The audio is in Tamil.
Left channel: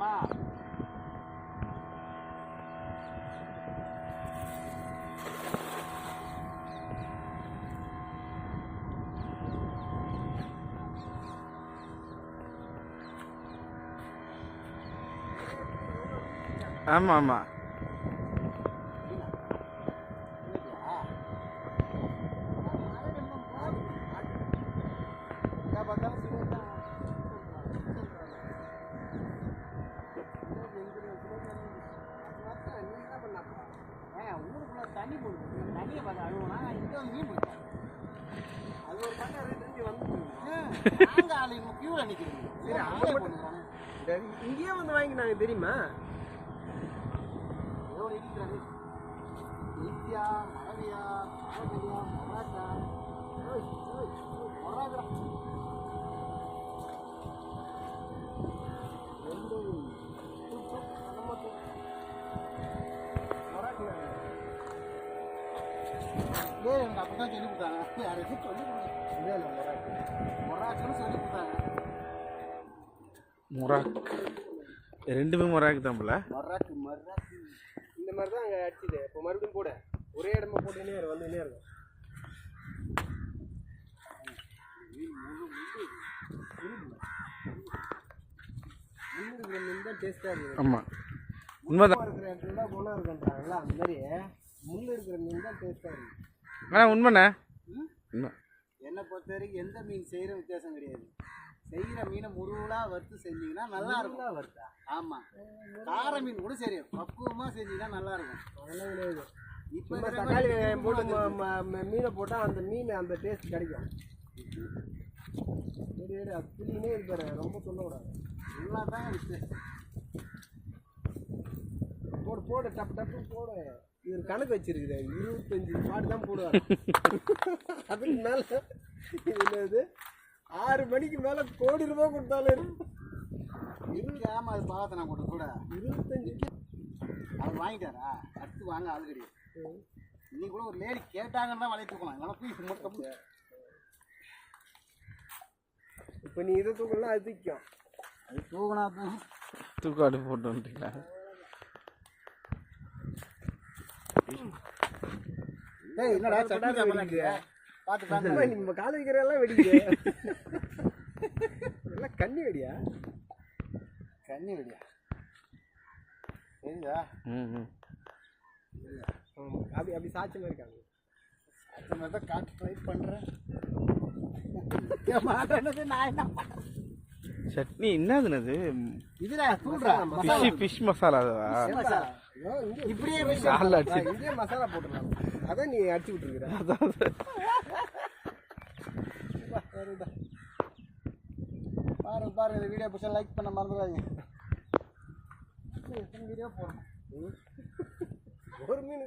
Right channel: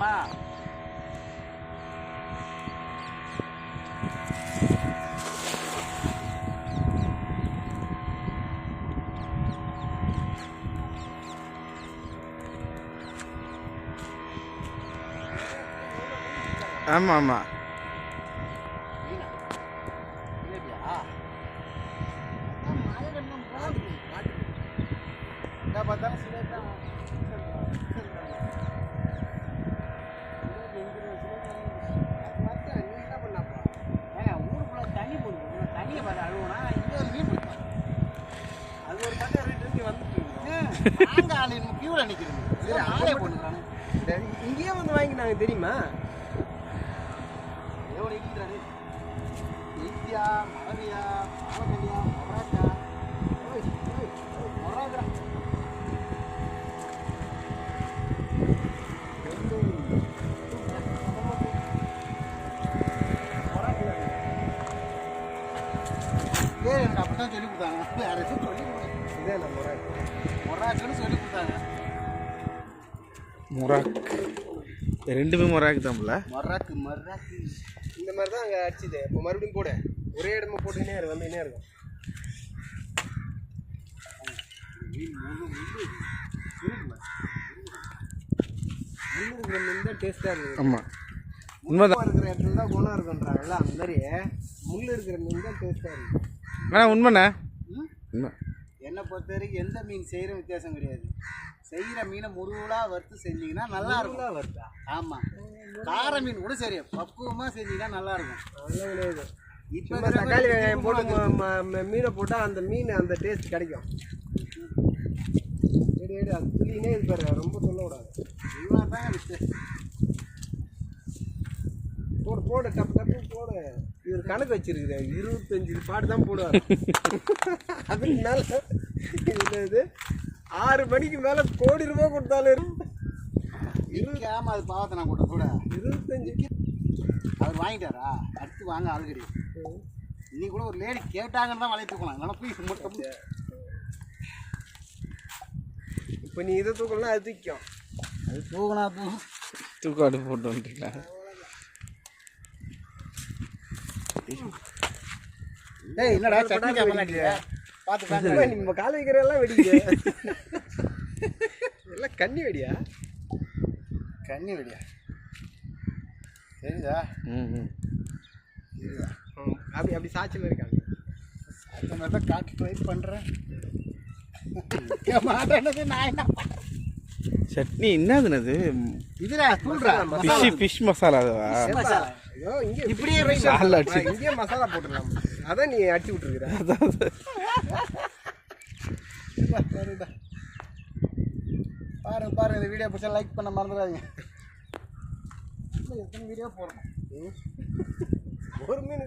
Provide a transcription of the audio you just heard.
ஆமா ஆமாம் ஆமாம் இங்கேயே வந்து வாங்கினாங்க தெரியுமா? எனக்கு அப்படித்தான் சொல்லி கொடுத்தாங்க. வேற எதுவும் சொல்லி கொடுங்க. இதே நம்ம மொராக்குன்னு சொல்லி கொடுத்தாங்க. மொராக் ரெண்டுமே மொராக்கு தான்ல. மொராக்கு இந்த மாதிரி தான் அங்கே அடிச்சுது. இப்போ மறுபடியும் போட ஒரே இடமா போட்டுக்கினே வந்துக்கினே இருக்கும். முள்ளு இருக்கிற மீன் தான் டேஸ்ட்டாக இருக்குது. ஆமாம் உண்மைதான். இருக்கிற இடத்துல தான் குணம் இருக்குன்றாங்கல்ல, அந்த மாதிரி முள் இருக்கிற மீன் தான் டேஸ்ட்டாக இருக்குது. ஆனால் உண்மைண்ணே உண்மை. என்னை பொறுத்த வரைக்கும் எந்த மீன் செய்கிற வித்தியாசம் கிடையாது. செய்கிற மீனை முருகலாக வறுத்து செஞ்சிங்கன்னா நல்லா இருக்கும். வருதா? ஆமாம், கார மீன் கூட சரி பக்குவமாக செஞ்சிங்கன்னா நல்லா இருக்கும். அதெல்லாம் கிடையாது. இப்போ இப்போ தக்காளி வெங்காயம் போட்டு மீனை போட்டால் அந்த மீன் அந்த டேஸ்ட் கிடைக்கும். எடு அது புள்ளினே இது பாரு, ரொம்ப சொல்லக்கூடாது. நல்லா தாங்க வித்தியாசம். போடு டப்பு போடு. இவர் கணக்கு வச்சிருக்குது 25 பாட்டு தான் போடுவார். அதுக்கு மேலே இது 6 மணிக்கு மேலே கோடி ரூபாய் கொடுத்தாலும் ஆமாம், அது பாவத்தை நான் கூட 25 அவர் வாங்கிட்டாரா? அடுத்து வாங்க ஆள் கிடையாது. இன்னைக்கு கூட ஒரு லேடி கேட்டாங்கன்னு தான் வளைய தூக்கலாம். எனக்கு மட்டும் இப்போ நீ இதை தூக்கலாம், அது தூக்கும். அது தூக்கினா தூக்காடு போட்டு வந்துட்டீங்களா? ஏய் என்னடா சட்னி சாப்பிடலையா? பார்த்து நம்ம கால் வைக்கிறதெல்லாம் வெடிக்க எல்லாம் கண்ணி வெடியா? கண்ணி வெடியா? சரிதா? ம் அப்படி சாட்சியில் இருக்காங்க. அந்த மாதிரி தான் காட்டு ட்ரை பண்ணுறேன். மாட்டேன்னது நான் என்ன சட்னி என்னதுனது? இதுடா சொல்றா ஃபிஷ் மசாலா. மசாலா. ஐயோ, இங்கே இப்படியே இங்கேயே மசாலா போட்டுடலாம். அதான் நீ அடிச்சு விட்டுருக்குற. பாருங்க இந்த வீடியோ பிடிச்சா லைக் பண்ண மறந்துடாதீங்க. எத்தனை வீடியோ போடணும்? ஒரு மீன்